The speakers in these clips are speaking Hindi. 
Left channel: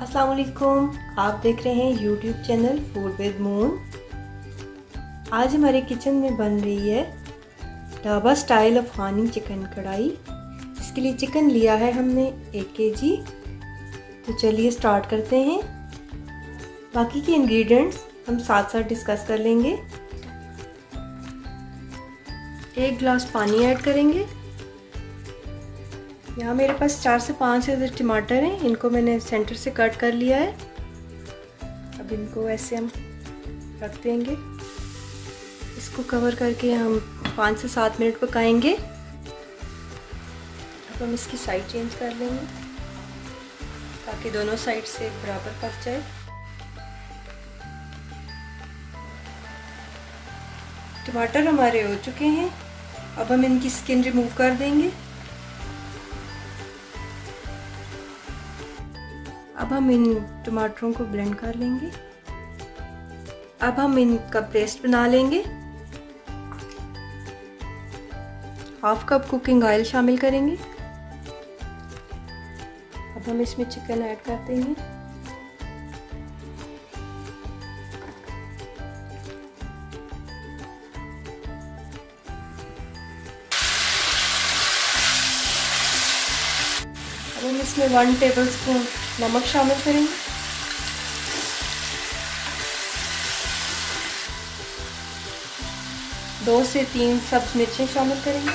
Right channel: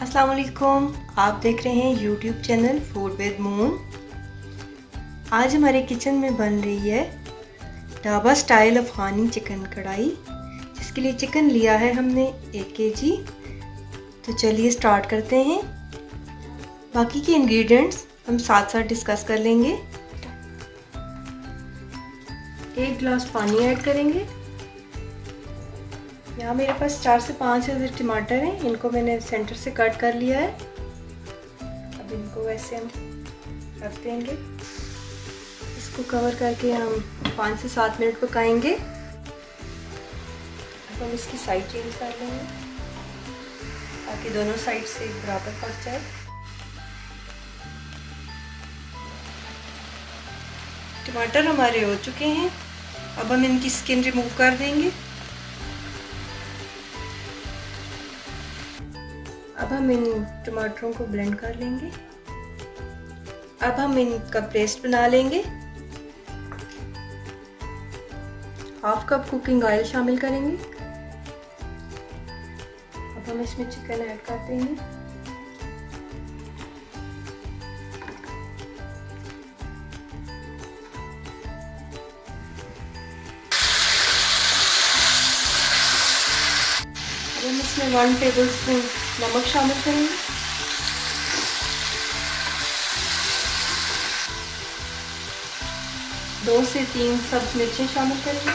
अस्सलाम वालेकुम, आप देख रहे हैं YouTube channel food with moon. आज हमारे किचन में बन रही है ढाबा स्टाइल अफगानी चिकन कढ़ाई, जिसके लिए चिकन लिया है हमने 1 kg। तो चलिए स्टार्ट करते हैं। बाकी के इंग्रेडिएंट्स हम साथ साथ डिस्कस कर लेंगे। 1 गिलास पानी ऐड करेंगे। यहाँ मेरे पास 4 से 5 ऐसे टमाटर हैं, इनको मैंने सेंटर से कट कर लिया है। अब इनको ऐसे हम रख देंगे। इसको कवर करके हम 5 से 7 मिनट पकाएंगे। अब हम इसकी साइड चेंज कर लेंगे ताकि दोनों साइड से बराबर पक जाए। टमाटर हमारे हो चुके हैं। अब हम इनकी स्किन रिमूव कर देंगे। अब हम इन टमाटरों को ब्लेंड कर लेंगे। अब हम इनका पेस्ट बना लेंगे। 1/2 कप कुकिंग ऑयल शामिल करेंगे। अब हम इसमें चिकन ऐड कर देंगे। अब हम इसमें 1 टेबलस्पून नमक शामिल करेंगे। दो से 3 सब्ज मिर्चें शामिल करेंगे।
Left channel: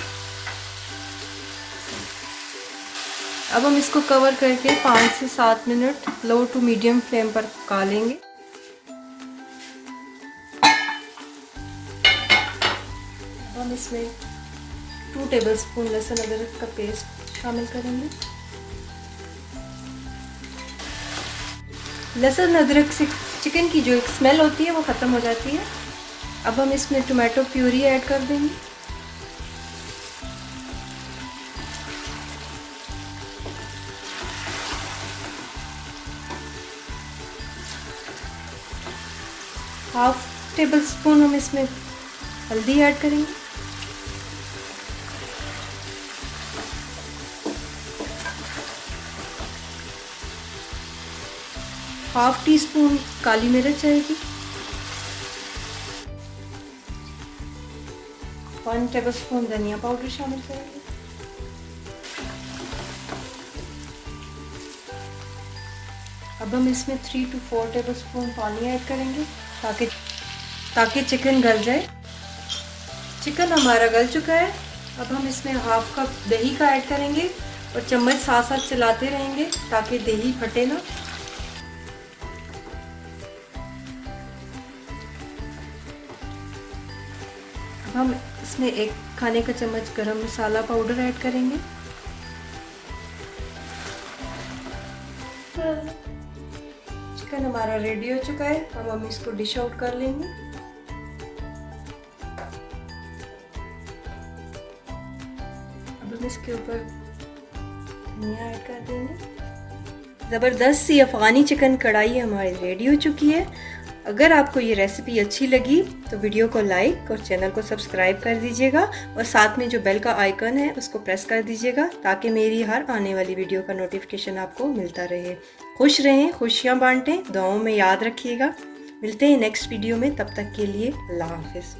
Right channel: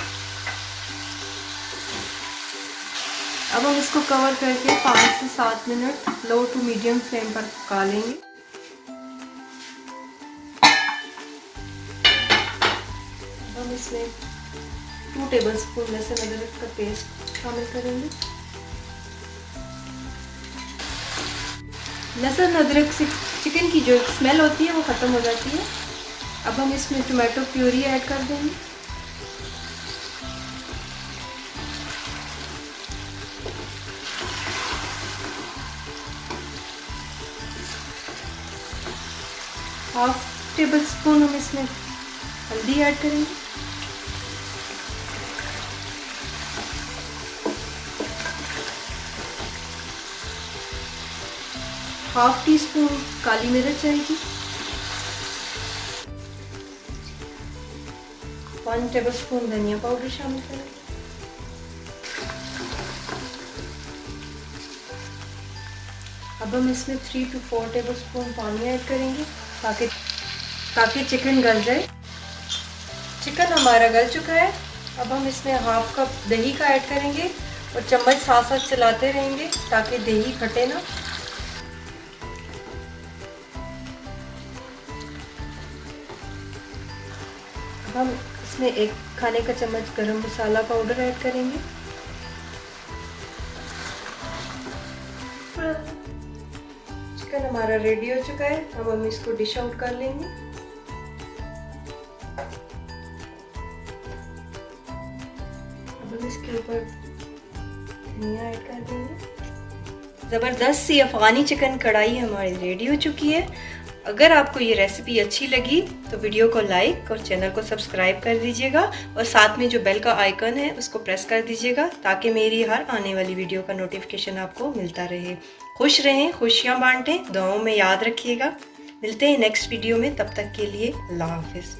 अब हम इसको कवर करके 5 से 7 minute low to medium flame पर पका लेंगे। अब हम इसमें 2 टेबलस्पून लहसुन अदरक का पेस्ट शामिल करेंगे। लहसुन अदरक से चिकन की जो स्मेल होती है वो ख़त्म हो जाती है। अब हम इसमें टोमेटो प्यूरी ऐड कर देंगे। हाफ टेबल स्पून हम इसमें हल्दी ऐड करेंगे। हाफ टी स्पून काली मिर्च आएगी। 1 टेबलस्पून धनिया पाउडर शामिल करेंगे। अब हम इसमें 3 to 4 टेबलस्पून पानी ऐड करेंगे ताकि चिकन गल जाए। चिकन हमारा गल चुका है। अब हम इसमें 1/2 कप दही का ऐड करेंगे और चम्मच साथ साथ चलाते रहेंगे ताकि दही फटे ना। हम इसमें 1 खाने का चम्मच गरम मसाला पाउडर ऐड करेंगे। चिकन हमारा रेडी हो चुका है। अब हम इसको डिश आउट कर लेंगे। अब हम इसके ऊपर धनिया ऐड कर देंगे। ज़बरदस्त सी अफगानी चिकन कढ़ाई हमारी रेडी हो चुकी है। अगर आपको ये रेसिपी अच्छी लगी तो वीडियो को लाइक और चैनल को सब्सक्राइब कर दीजिएगा और साथ में जो बेल का आइकन है उसको प्रेस कर दीजिएगा ताकि मेरी हर आने वाली वीडियो का नोटिफिकेशन आपको मिलता रहे। खुश रहें, खुशियाँ बांटें, दुआओं में याद रखिएगा। मिलते हैं नेक्स्ट वीडियो में, तब तक के लिए अल्लाह हाफिज़।